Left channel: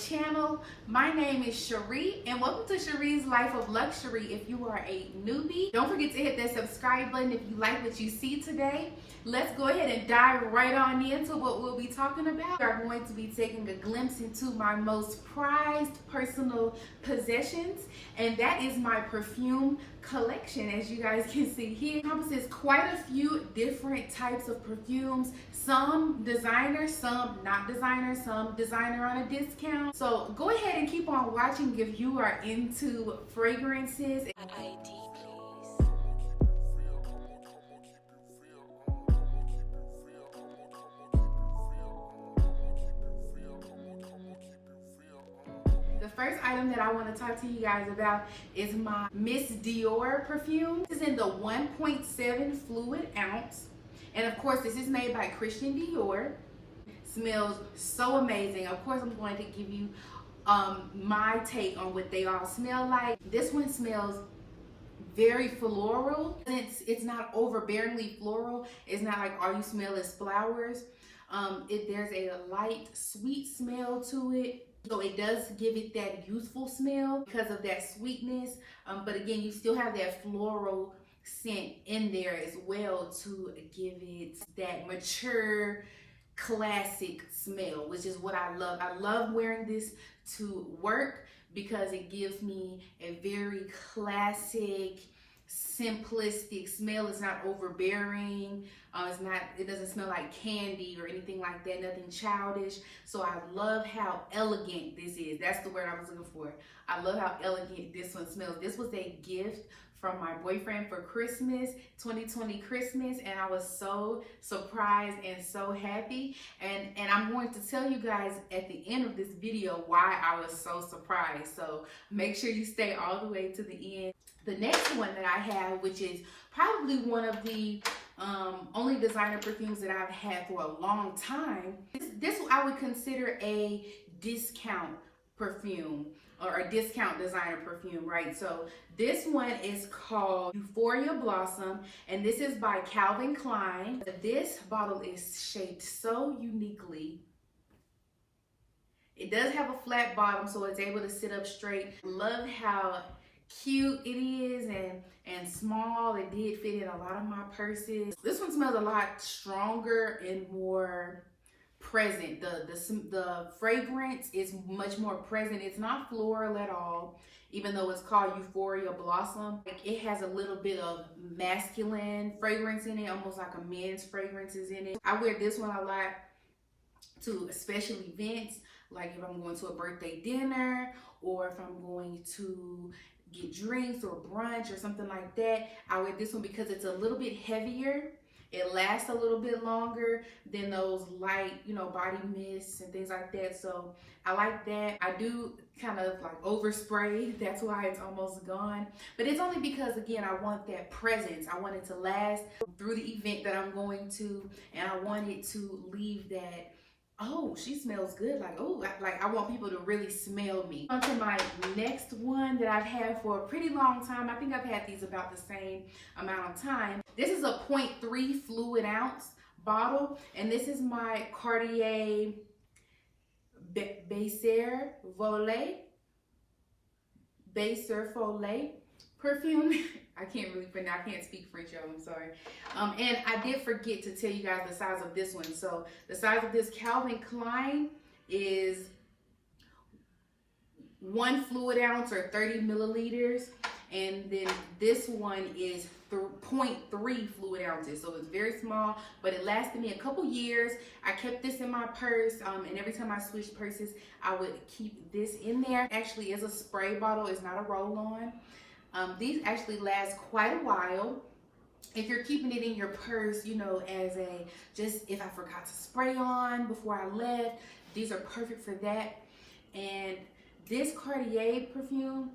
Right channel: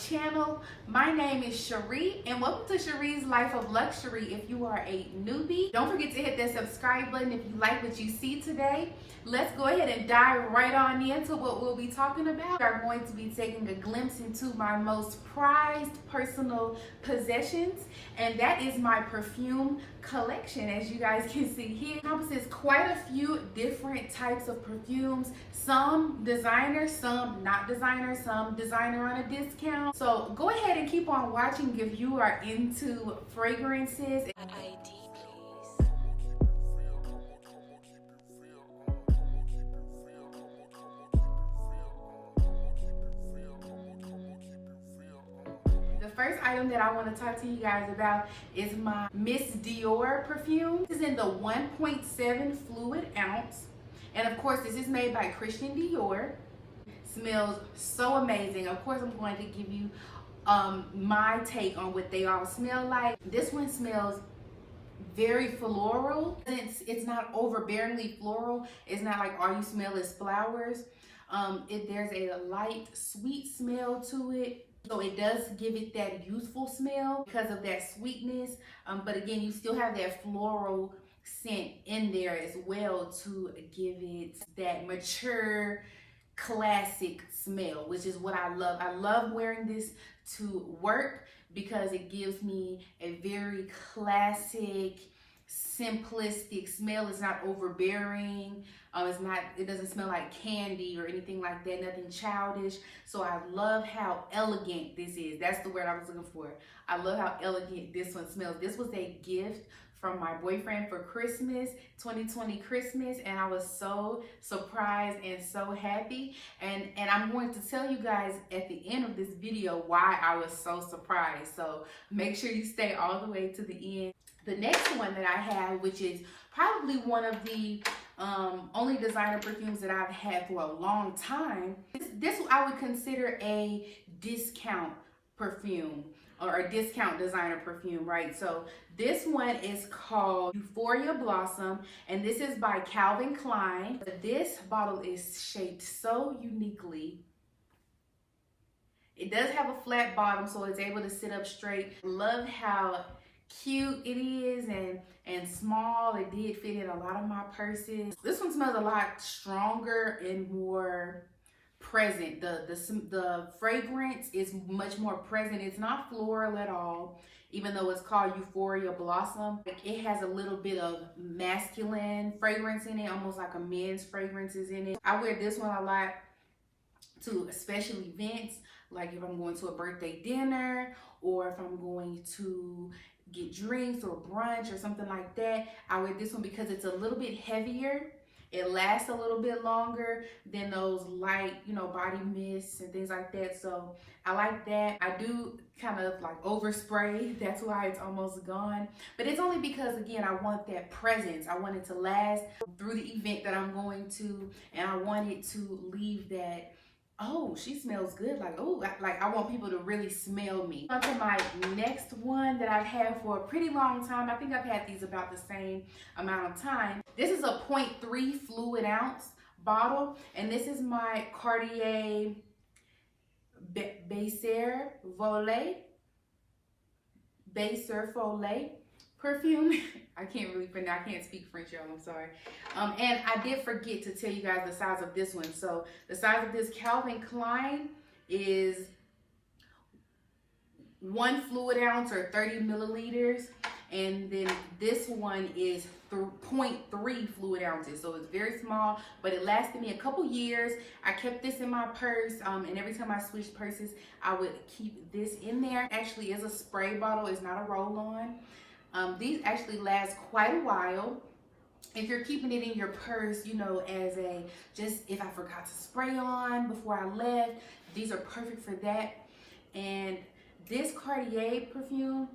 channel. My name is Cherie and welcome to Cherie's Life of Luxury. If you are a newbie, don't forget to hit that subscribe button if you like what you see today. Let's go ahead and dive right on into what we'll be talking about. We are going to be taking a glimpse into my most prized personal possessions, and that is my perfume collection. As you guys can see here, it encompasses quite a few different types of perfumes. Some designer, some not designer, some designer on a discount. So go ahead and keep on watching if you are into fragrances. ID, The first item that I want to talk to you guys about is my Miss Dior perfume. This is in the 1.7 fluid ounce. And of course, this is made by Christian Dior. Smells so amazing. Of course, I'm going to give you my take on what they all smell like. This one smells very floral. It's not overbearingly floral. It's not like all you smell is flowers. There's a light, sweet smell to it. So it does give it that youthful smell because of that sweetness. But again, you still have that floral scent in there as well to give it that mature, classic smell, which is what I love. I love wearing this to work because it gives me a very classic, simplistic smell. It's not overbearing. It doesn't smell like candy or anything like that, nothing childish. So I love how elegant this is. That's the word I was looking for. I love how elegant this one smells. This was a gift from my boyfriend for Christmas, 2020 Christmas, and I was so surprised and so happy. And I'm going to tell you guys at the end of this video why I was so surprised. So make sure you stay all the way to the end. The next one that I have, which is probably one of the only designer perfumes that I've had for a long time. This I would consider a discount perfume or a discount designer perfume, right? So this one is called Euphoria Blossom, and this is by Calvin Klein. This bottle is shaped so uniquely. It does have a flat bottom, so it's able to sit up straight. Love how cute it is and small. It did fit in a lot of my purses. This one smells a lot stronger and more present. The fragrance is much more present. It's not floral at all, even though it's called Euphoria Blossom. It has a little bit of masculine fragrance in it, almost like a men's fragrance is in it. I wear this one a lot to special events, like if I'm going to a birthday dinner or if I'm going to get drinks or brunch or something like that. I wear this one because it's a little bit heavier. It lasts a little bit longer than those light, body mists and things like that. So I like that. I do kind of like overspray. That's why it's almost gone. But it's only because, again, I want that presence. I want it to last through the event that I'm going to. And I want it to leave that, oh, she smells good. Like, oh, like I want people to really smell me. On to my next one that I've had for a pretty long time. I think I've had these about the same amount of time. This is a 0.3 fluid ounce bottle, and this is my Cartier Baiser Vole perfume. I can't really pronounce, I can't speak French, y'all, I'm sorry. And I did forget to tell you guys the size of this one. So the size of this Calvin Klein is 1 fluid ounce or 30 milliliters. And then this one is 0.3 fluid ounces. So it's very small, but it lasted me a couple years. I kept this in my purse, and every time I switched purses, I would keep this in there. Actually, it's a spray bottle, it's not a roll-on. These actually last quite a while. If you're keeping it in your purse, as just if I forgot to spray on before I left, these are perfect for that. And this Cartier perfume,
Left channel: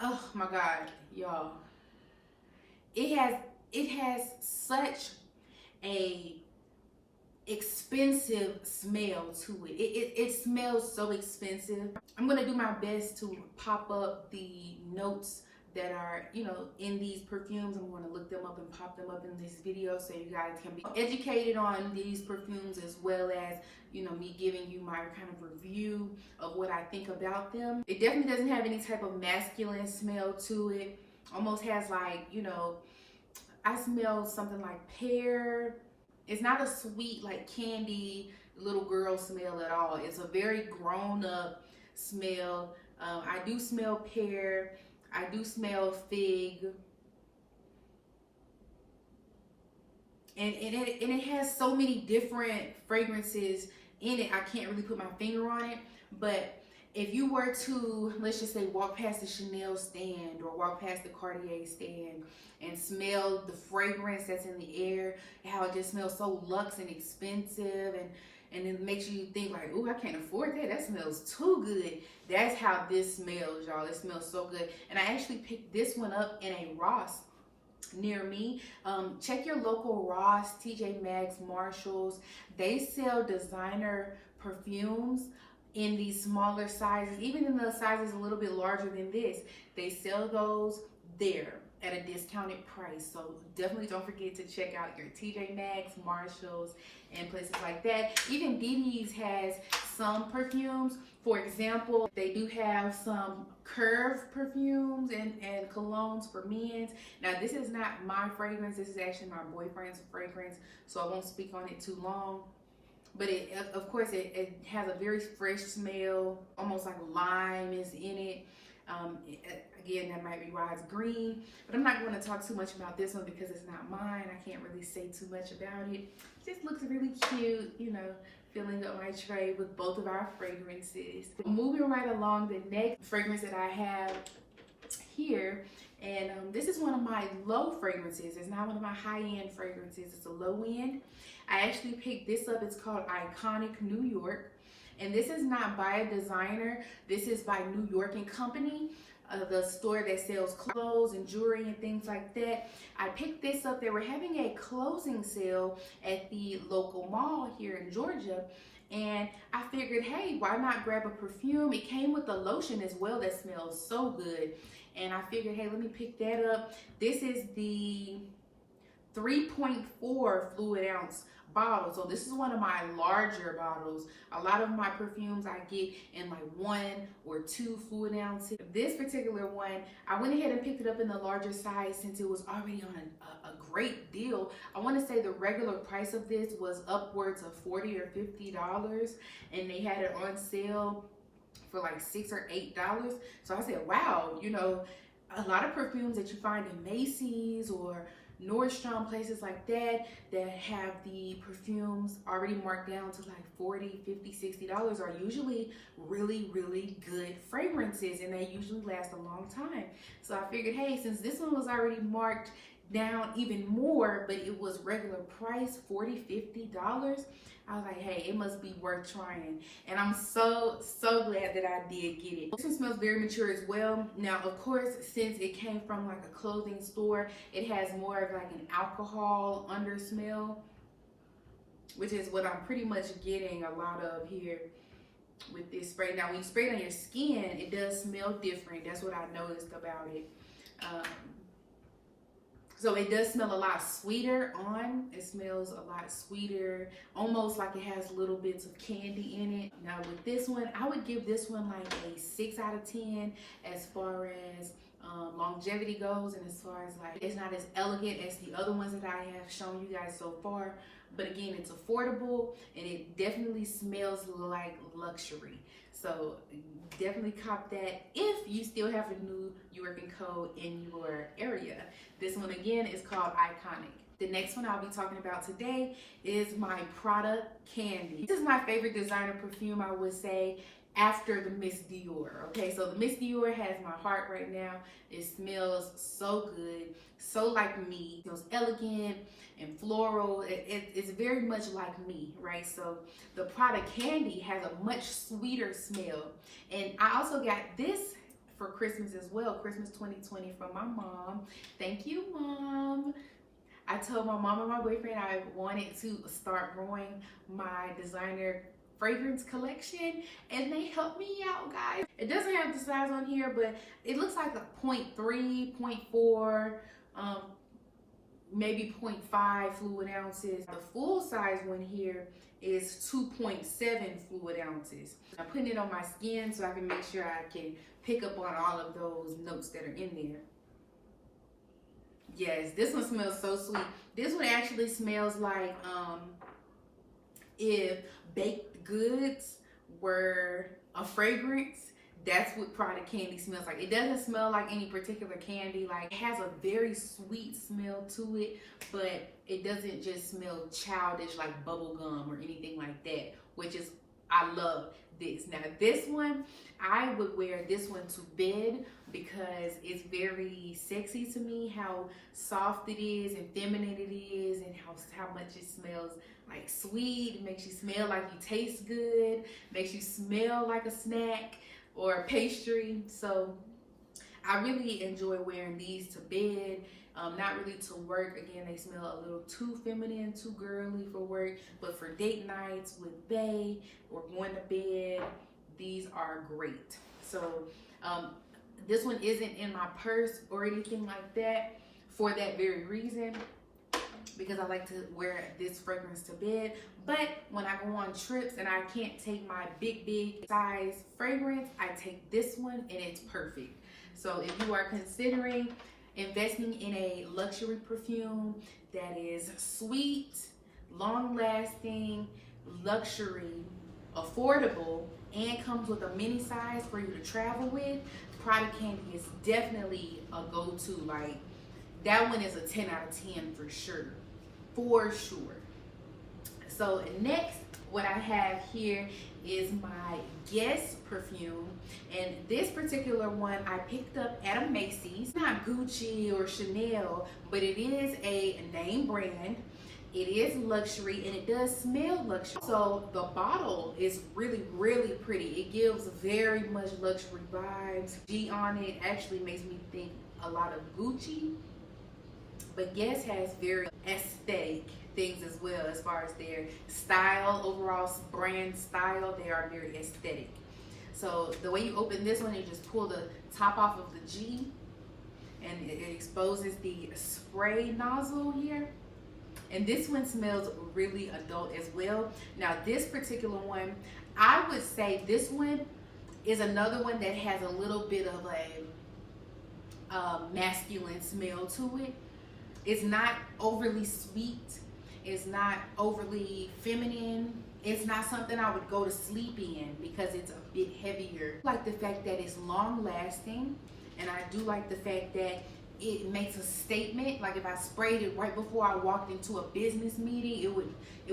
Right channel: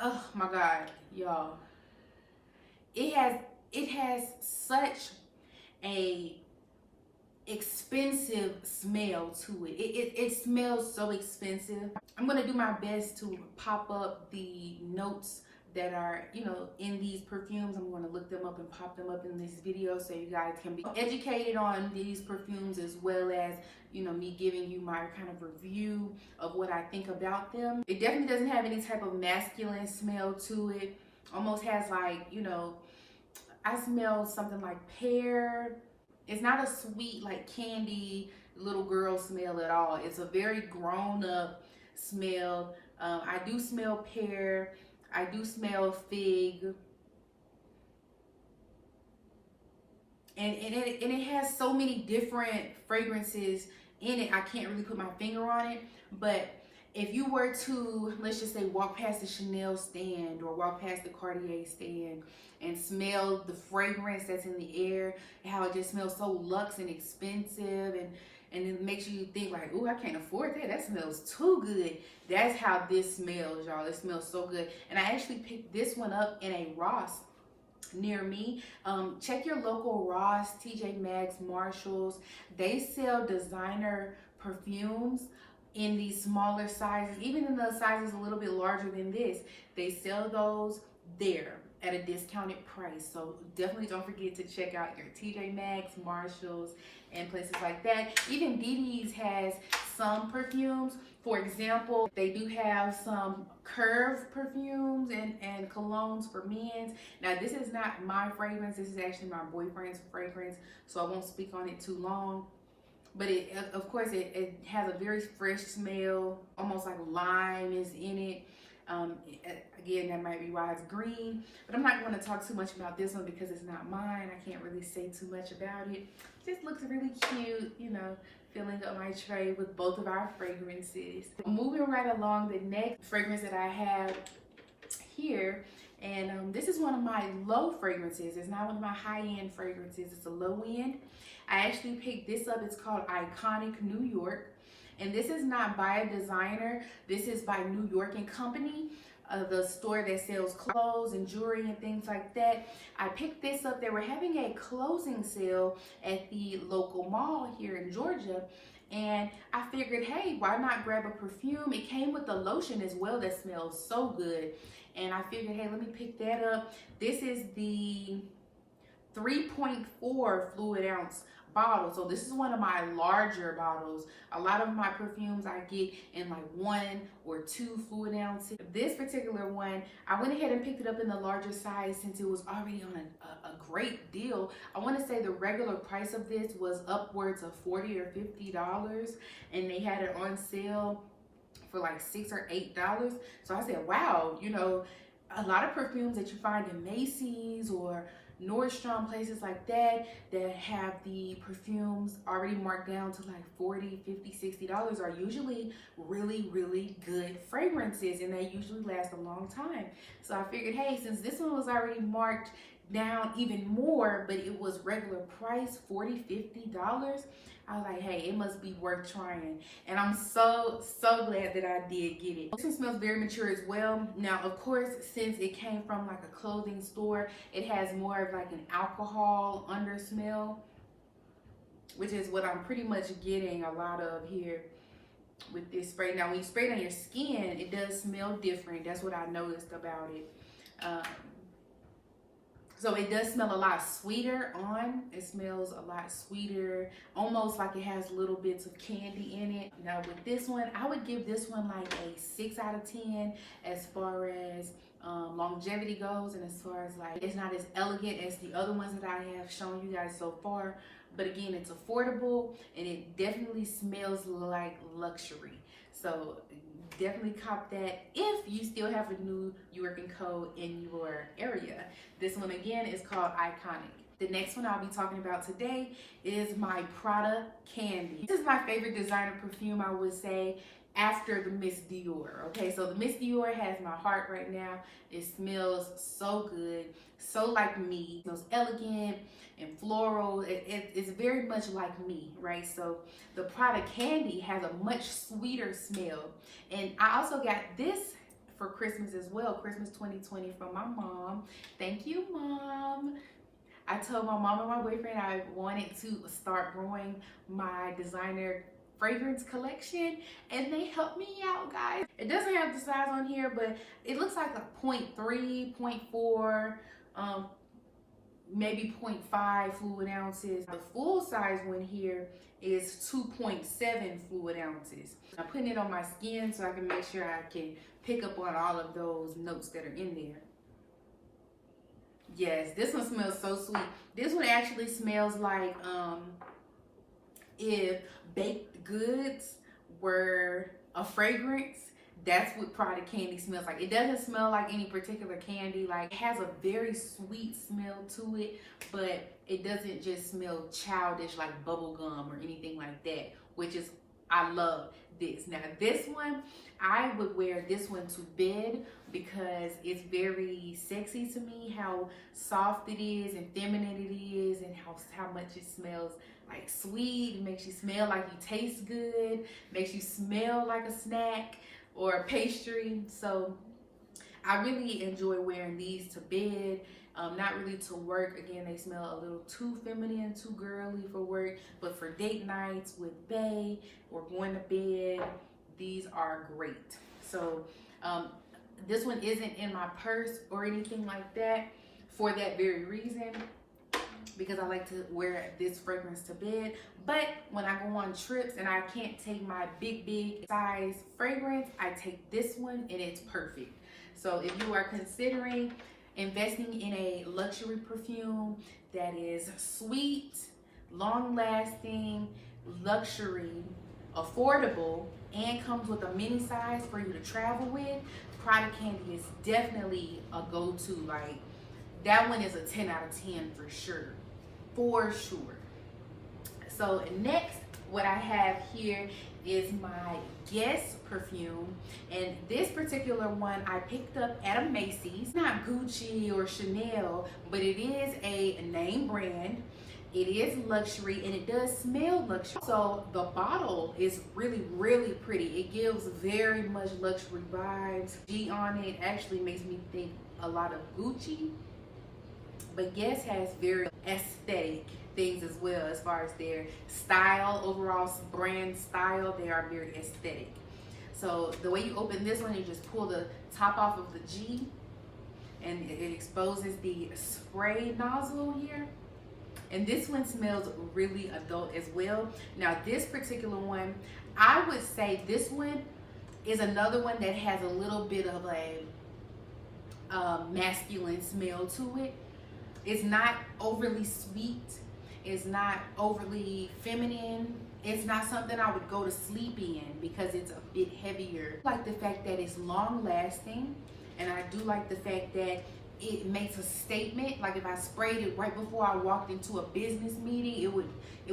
oh my God, y'all. It has such a expensive smell to it. It smells so expensive. I'm gonna do my best to pop up the notes that are, you know, in these perfumes. I'm going to look them up and pop them up in this video so you guys can be educated on these perfumes, as well as, you know, me giving you my kind of review of what I think about them. It definitely doesn't have any type of masculine smell to it. Almost has like, you know, I smell something like pear. It's not a sweet, like candy little girl smell at all. It's a very grown up smell. I do smell pear. I do smell fig. And it has so many different fragrances in it. I can't really put my finger on it. But if you were to, let's just say, walk past the Chanel stand or walk past the Cartier stand and smell the fragrance that's in the air, how it just smells so luxe and expensive, and it makes you think like, oh, I can't afford that. That smells too good. That's how this smells, y'all. It smells so good. And I actually picked this one up in a Ross near me. Check your local Ross, TJ Maxx, Marshalls. They sell designer perfumes in these smaller sizes, even in the sizes a little bit larger than this. They sell those there at a discounted price. So definitely don't forget to check out your TJ Maxx, Marshalls, and places like that. Even DD's has some perfumes. For example, they do have some Curve perfumes and colognes for men's. Now, this is not my fragrance. This is actually my boyfriend's fragrance, so I won't speak on it too long. But it, of course, it has a very fresh smell, almost like lime is in it. Again, that might be why it's green, but I'm not going to talk too much about this one because it's not mine. I can't really say too much about it. It just looks really cute, you know, filling up my tray with both of our fragrances. Moving right along, the next fragrance that I have here, and this is one of my low fragrances. It's not one of my high-end fragrances. It's a low end. I actually picked this up. It's called Iconic New York. And this is not by a designer. This is by New York & Company, the store that sells clothes and jewelry and things like that. I picked this up. They were having a closing sale at the local mall here in Georgia. And I figured, hey, why not grab a perfume? It came with a lotion as well that smells so good. And I figured, hey, let me pick that up. This is the 3.4 fluid ounce bottle. So this is one of my larger bottles. A lot of my perfumes I get in like 1 or 2 fluid ounces. This particular one, I went ahead and picked it up in the larger size since it was already on a great deal. I want to say the regular price of this was upwards of $40 or $50, and they had it on sale for like $6 or $8. So I said, wow, you know, a lot of perfumes that you find in Macy's or Nordstrom, places like that, that have the perfumes already marked down to like $40, $50, $60 are usually really, really good fragrances, and they usually last a long time. So I figured, hey, since this one was already marked down even more, but it was regular price, $40, $50, I was like, hey, it must be worth trying. And I'm so glad that I did get it. This one smells very mature as well. Now, of course, since it came from like a clothing store, it has more of like an alcohol under smell, which is what I'm pretty much getting a lot of here with this spray. Now, when you spray it on your skin, it does smell different. That's what I noticed about it. So it does smell a lot sweeter on. It smells a lot sweeter, almost like it has little bits of candy in it. Now with this one, I would give this one like a 6 out of 10 as far as longevity goes, and as far as like, it's not as elegant as the other ones that I have shown you guys so far. But again, it's affordable, and it definitely smells like luxury. So definitely cop that if you still have a New York & Co. in your area. This one again is called Iconic. The next one I'll be talking about today is my Prada Candy. This is my favorite designer perfume, I would say, after the Miss Dior. Okay, so the Miss Dior has my heart right now. It smells so good, so like me. It smells elegant and floral. It's very much like me, right? So the Prada Candy has a much sweeter smell. And I also got this for Christmas as well, Christmas 2020, from my mom. Thank you, Mom. I told my mom and my boyfriend I wanted to start growing my designer fragrance collection, and they helped me out, guys. It doesn't have the size on here, but it looks like a 0.3, 0.4, maybe 0.5 fluid ounces. The full size one here is 2.7 fluid ounces. I'm putting it on my skin so I can make sure I can pick up on all of those notes that are in there. Yes, this one smells so sweet. This one actually smells like if baked goods were a fragrance, that's what Prada Candy smells like. It doesn't smell like any particular candy. Like, it has a very sweet smell to it, but it doesn't just smell childish like bubble gum or anything like that, which is, I love this. Now this one, I would wear this one to bed because it's very sexy to me, how soft it is and feminine it is, and how much it smells like sweet. It makes you smell like you taste good, makes you smell like a snack or a pastry. So I really enjoy wearing these to bed, not really to work. Again, they smell a little too feminine, too girly for work, but for date nights with bae or going to bed, these are great. So this one isn't in my purse or anything like that for that very reason, because I like to wear this fragrance to bed. But when I go on trips and I can't take my big size fragrance, I take this one and it's perfect. So if you are considering investing in a luxury perfume that is sweet, long lasting, luxury, affordable, and comes with a mini size for you to travel with, Prada Candy is definitely a go-to. Like, that one is a 10 out of 10 for sure. For sure. So next, what I have here is my Guess perfume, and this particular one I picked up at a Macy's. It's not Gucci or Chanel, but it is a name brand. It is luxury and it does smell luxury. So the bottle is really pretty. It gives very much luxury vibes. G on it actually makes me think a lot of Gucci, but Guess has very aesthetic things as well as far as their style, overall brand style. They are very aesthetic. So the way you open this one, you just pull the top off of the G and it exposes the spray nozzle here. And this one smells really adult as well. Now this particular one, I would say this one is another one that has a little bit of a masculine smell to it. It's not overly sweet. It's not overly feminine. It's not something I would go to sleep in because it's a bit heavier. I like the fact that it's long lasting, and I do like the fact that it makes a statement. Like if I sprayed it right before I walked into a business meeting, it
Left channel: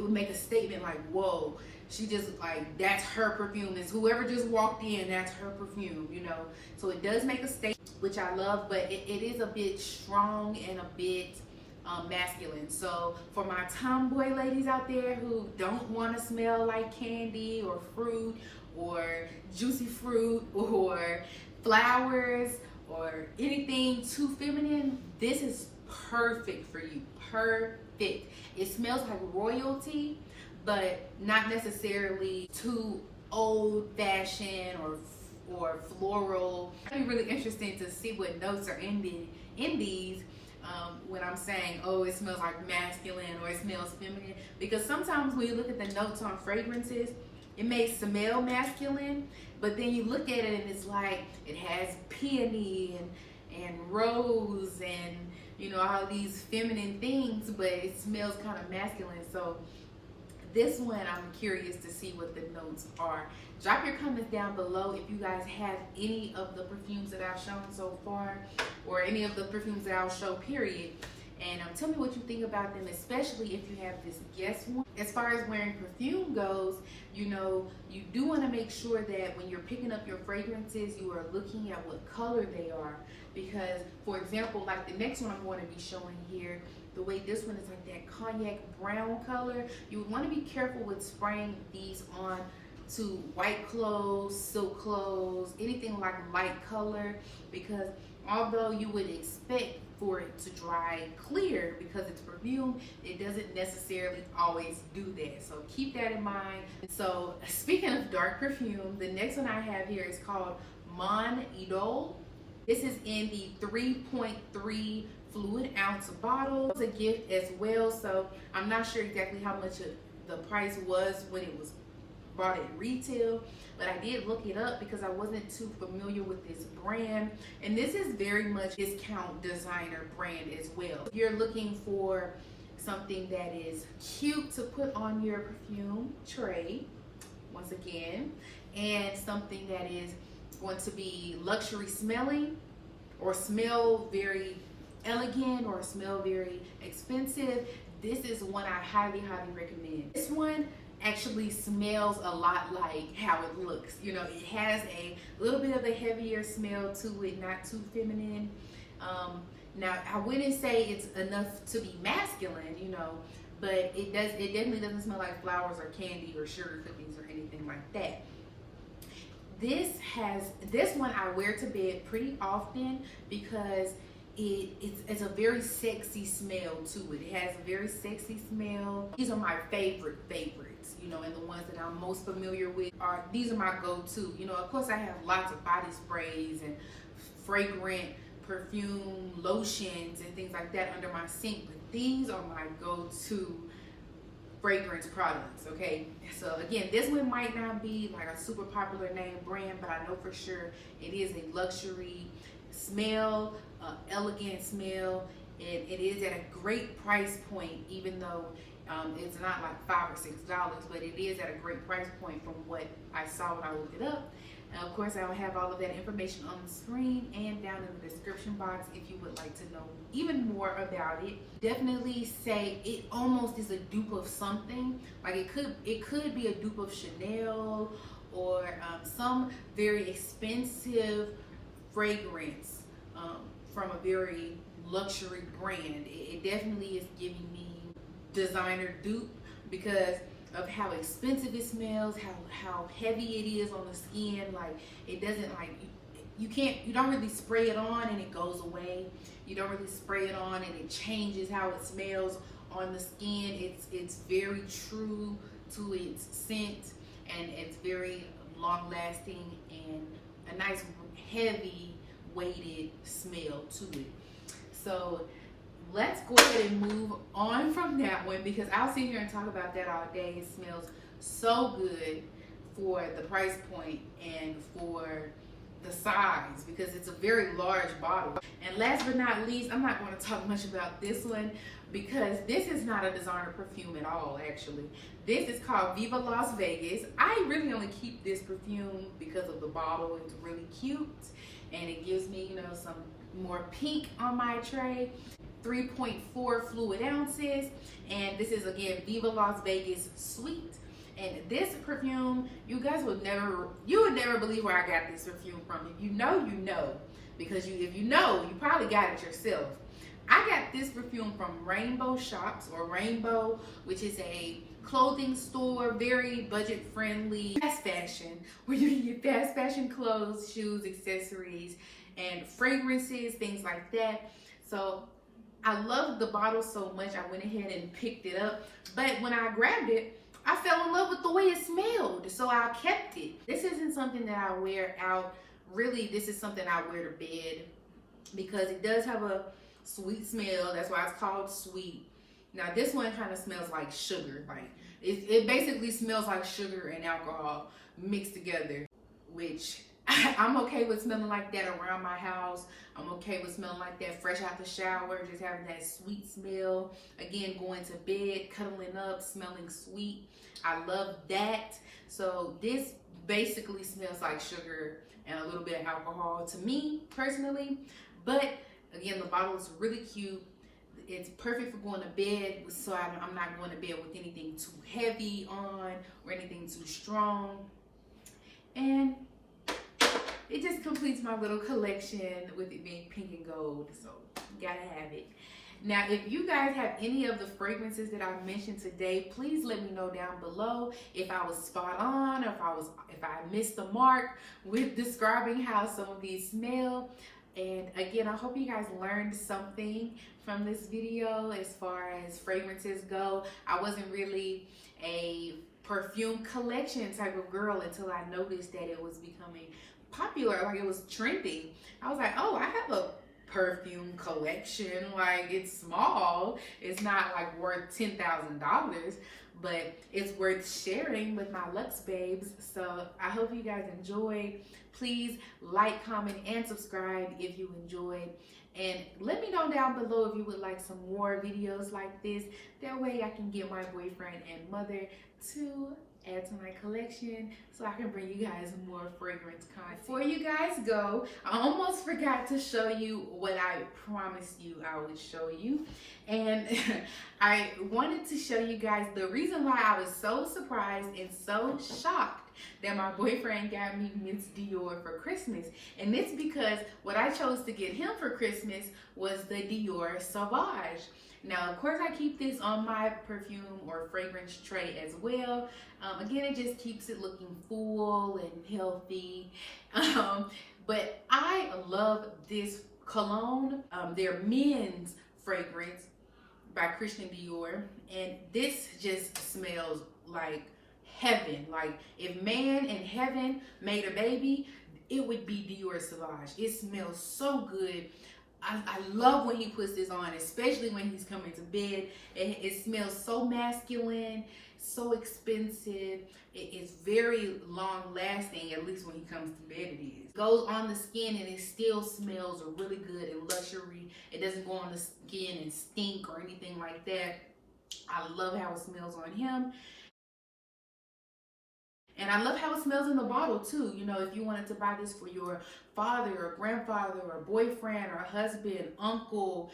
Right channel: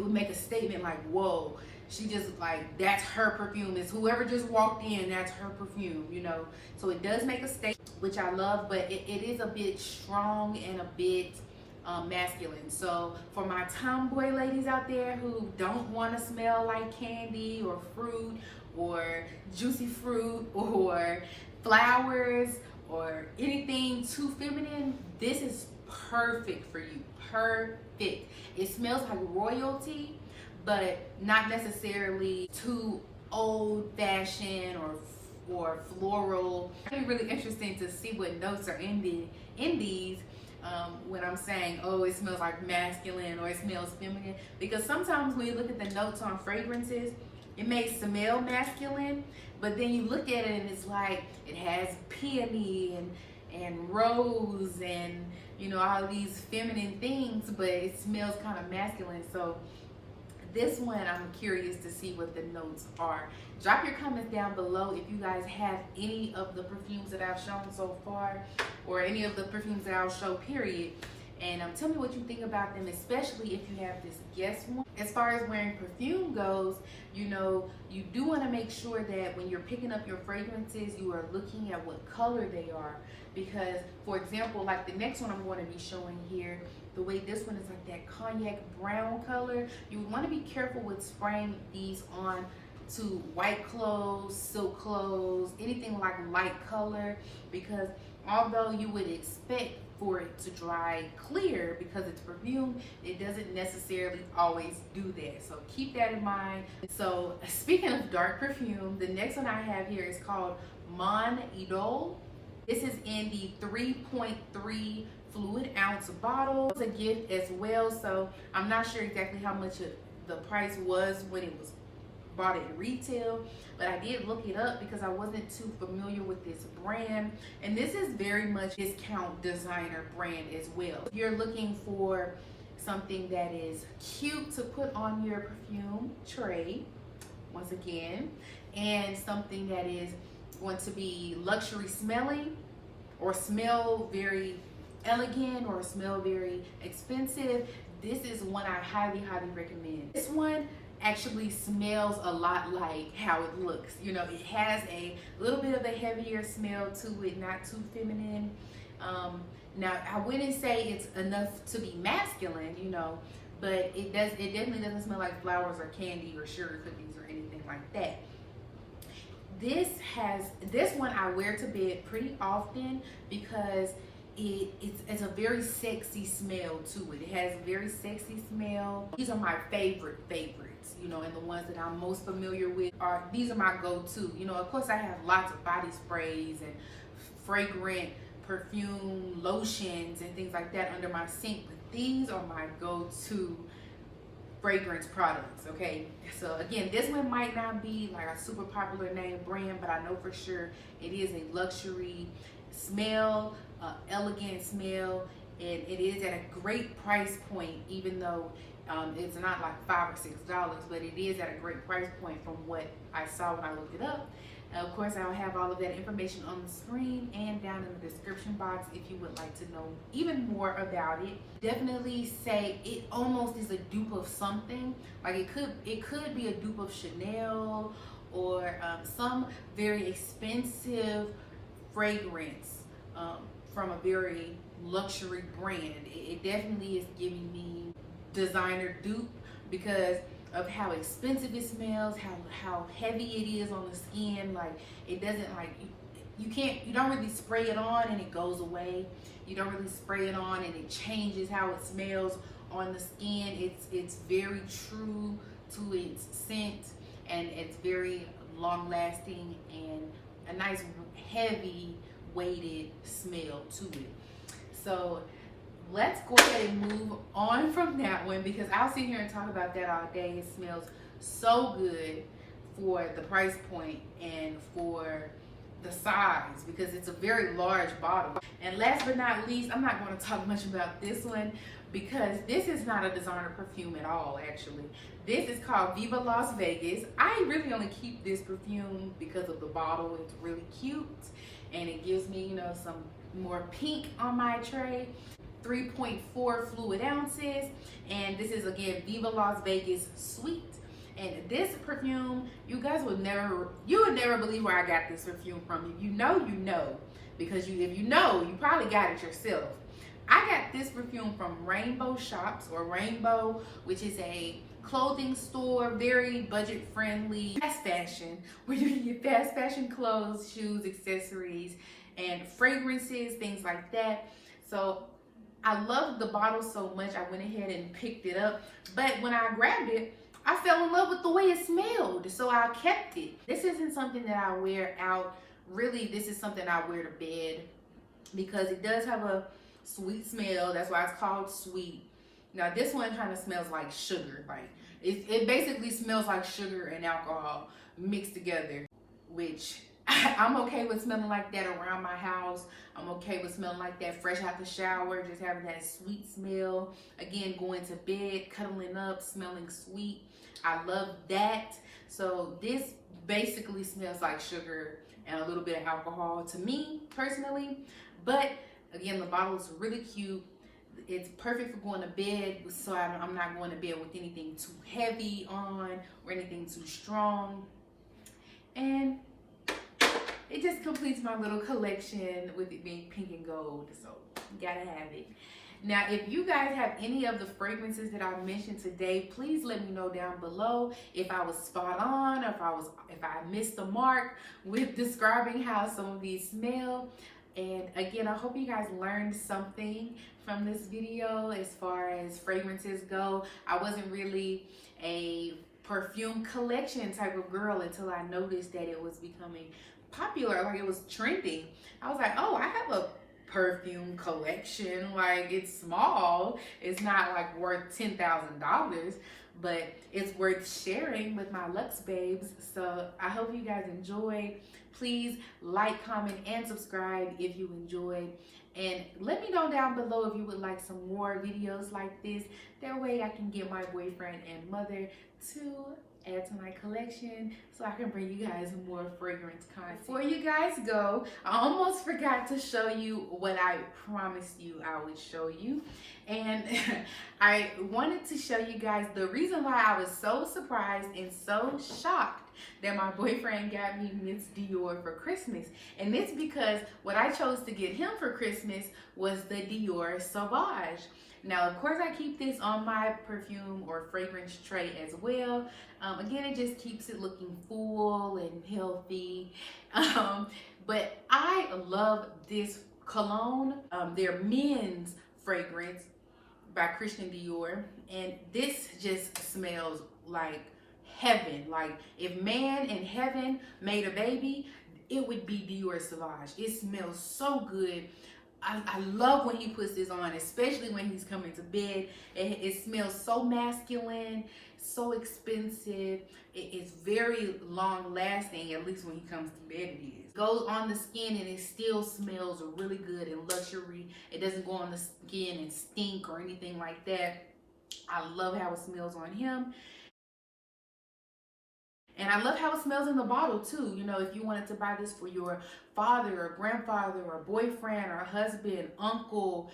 would make a statement like, whoa, she just, like, that's her perfume. It's whoever just walked in, that's her perfume, you know. So it does make a statement, which I love, but it is a bit strong and a bit masculine. So for my tomboy ladies out there who don't want to smell like candy or fruit or juicy fruit or flowers or anything too feminine, this is perfect for you. Perfect. It smells like royalty, but not necessarily too old-fashioned or floral. It's really interesting to see what notes are in these. When I'm saying, oh, it smells like masculine or it smells feminine, because sometimes when you look at the notes on fragrances, it may smell masculine, but then you look at it and it's like it has peony and rose and, you know, all these feminine things, but it smells kind of masculine. So this one, I'm curious to see what the notes are. Drop your comments down below if you guys have any of the perfumes that I've shown so far, or any of the perfumes that I'll show, period. And tell me what you think about them, especially if you have this Guess one. As far as wearing perfume goes, you know, you do want to make sure that when you're picking up your fragrances, you are looking at what color they are. Because, for example, like the next one I'm going to be showing here, the way this one is like that cognac brown color, you would want to be careful with spraying these on to white clothes, silk clothes, anything like light color, because Although you would expect for it to dry clear because it's perfume, it doesn't necessarily always do that. So keep that in mind. So speaking of dark perfume, the next one I have here is called Mon Idole. This is in the 3.3 fluid ounce bottle. It's a gift as well, so I'm not sure exactly how much the price was when it was bought at retail, but I did look it up because I wasn't too familiar with this brand. And this is very much discount designer brand as well. If you're looking for something that is cute to put on your perfume tray, once again, and something that is going to be luxury smelling or smell very elegant or smell very expensive, this is one I highly recommend. This one actually smells a lot like how it looks. You know, it has a little bit of a heavier smell to it, not too feminine. Now I wouldn't say it's enough to be masculine, you know, but it definitely doesn't smell like flowers or candy or sugar cookies or anything like that. This one I wear to bed pretty often because it's a very sexy smell to it. It has a very sexy smell. These are my favorites, you know, and the ones that I'm most familiar with these are my go-to. You know, of course I have lots of body sprays and fragrant perfume lotions and things like that under my sink, but these are my go-to fragrance products. Okay, so again, this one might not be like a super popular name brand, but I know for sure it is a luxury smell, elegant smell, and it is at a great price point, even though it's not like $5 or $6, but it is at a great price point from what I saw when I looked it up. And of course, I will have all of that information on the screen and down in the description box if you would like to know even more about it. Definitely say it almost is a dupe of something. Like it could be a dupe of Chanel or some very expensive fragrance from a very luxury brand. It definitely is giving me designer dupe because of how expensive it smells, how heavy it is on the skin. Like it doesn't, like, you don't really spray it on and it goes away. You don't really spray it on and it changes how it smells on the skin. It's very true to its scent, and it's very long lasting and a nice heavy weighted smell to it. So let's go ahead and move on from that one because I'll sit here and talk about that all day. It smells so good for the price point and for the size because it's a very large bottle. And last but not least, I'm not going to talk much about this one because this is not a designer perfume at all, actually. This is called Viva Las Vegas. I really only keep this perfume because of the bottle. It's really cute and it gives me, you know, some more pink on my tray. 3.4 fluid ounces, and this is again Viva Las Vegas Sweet. And this perfume, you guys would never believe where I got this perfume from. If you know, you know, because if you know, you probably got it yourself. I got this perfume from Rainbow Shops, or Rainbow, which is a clothing store, very budget friendly, fast fashion, where you can get fast fashion clothes, shoes, accessories, and fragrances, things like that. So I loved the bottle so much, I went ahead and picked it up. But when I grabbed it, I fell in love with the way it smelled, so I kept it. This isn't something that I wear out. Really, this is something I wear to bed because it does have a sweet smell. That's why it's called sweet. Now, this one kind of smells like sugar. Like it basically smells like sugar and alcohol mixed together, which I'm okay with smelling like that around my house. I'm okay with smelling like that fresh out the shower, just having that sweet smell. Again, going to bed, cuddling up, smelling sweet. I love that. So this basically smells like sugar and a little bit of alcohol to me personally. But again, the bottle is really cute. It's perfect for going to bed, so I'm not going to bed with anything too heavy on or anything too strong. And it just completes my little collection with it being pink and gold, so you gotta have it. Now, if you guys have any of the fragrances that I mentioned today, please let me know down below if I was spot on or if I missed the mark with describing how some of these smell. And again, I hope you guys learned something from this video as far as fragrances go. I wasn't really a perfume collection type of girl until I noticed that it was becoming popular, like it was trending. I was like, oh, I have a perfume collection. Like, it's small, it's not like worth $10,000, but it's worth sharing with my Luxx babes. So I hope you guys enjoyed. Please like, comment, and subscribe if you enjoyed. And let me know down below if you would like some more videos like this. That way I can get my boyfriend and mother to add to my collection so I can bring you guys more fragrance content. Before you guys go, I almost forgot to show you what I promised you I would show you. And I wanted to show you guys the reason why I was so surprised and so shocked that my boyfriend got me Miss Dior for Christmas. And it's because what I chose to get him for Christmas was the Dior Sauvage. Now, of course, I keep this on my perfume or fragrance tray as well. Again, it just keeps it looking full and healthy. But I love this cologne. Their men's fragrance by Christian Dior. And this just smells like heaven. Like, if man in heaven made a baby, it would be Dior Sauvage. It smells so good. I love when he puts this on, especially when he's coming to bed. It smells so masculine, so expensive. It's very long lasting, at least when he comes to bed it is. It goes on the skin and it still smells really good and luxury. It doesn't go on the skin and stink or anything like that. I love how it smells on him. And I love how it smells in the bottle too. You know, if you wanted to buy this for your father or grandfather or boyfriend or husband, uncle,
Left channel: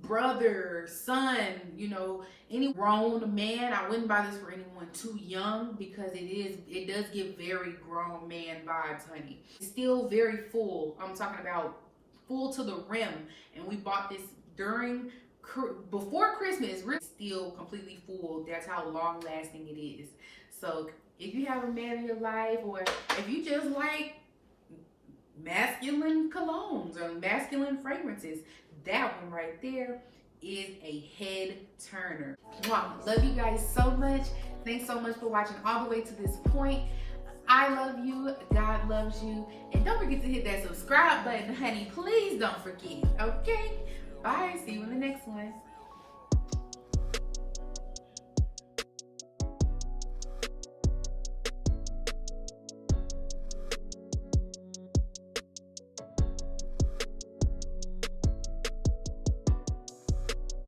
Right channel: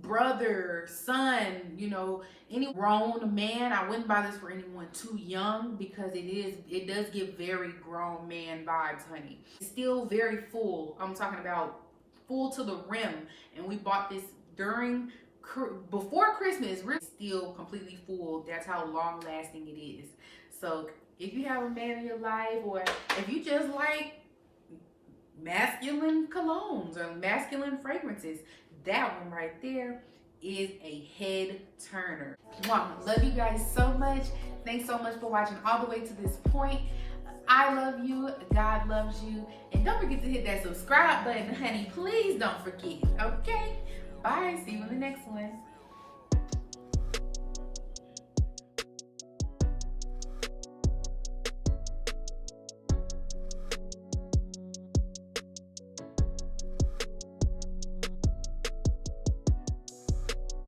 brother, son, you know, any grown man, I wouldn't buy this for anyone too young because it does give very grown man vibes, honey. It's still very full. I'm talking about full to the rim. And we bought this before Christmas. It's still completely full. That's how long lasting it is. So if you have a man in your life, or if you just like masculine colognes or masculine fragrances, that one right there is a head turner. Wow, love you guys so much. Thanks so much for watching all the way to this point. I love you, God loves you, and don't forget to hit that subscribe button, honey. Please don't forget, okay? Bye, see you in the next one.